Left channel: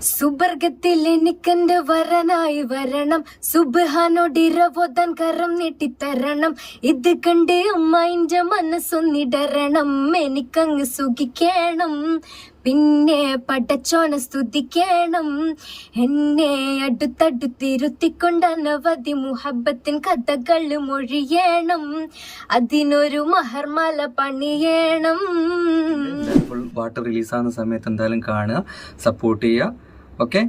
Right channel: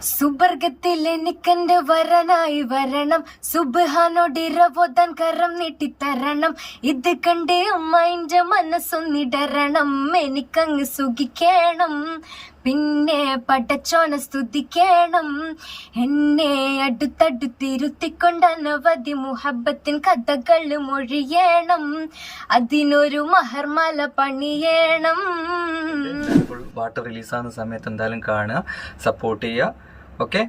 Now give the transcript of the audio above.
സുബർഗത്തിൽ എനിക്കെന്റെ വരനായി വരണം, സുബ്ഹാനോടിരവോദാൻ കരം നീട്ടിത്തരണം. ഇത് കണ്ട് അമ്മയിന്റെ മനസ്സൊന്നിടരണം, എനിക്കങ്ങ് സുഖിക്കണം, പിന്നെ പടച്ചോനെ സ്തുതിക്കണം. എന്നെ അടുത്തടുത്തിരുത്തിക്കൊണ്ട് അനവധി മുഹബത്തിൻ കഥകൾ മൊഴിയണം, അതിനൊരു മഹർമാല പണിയണം. പാട്ട് റിലീസാകുന്ന സമയത്ത് എന്തായാലും കാണുക, സപ്പോർട്ട് ചെയ്യുക. ഓക്കെ.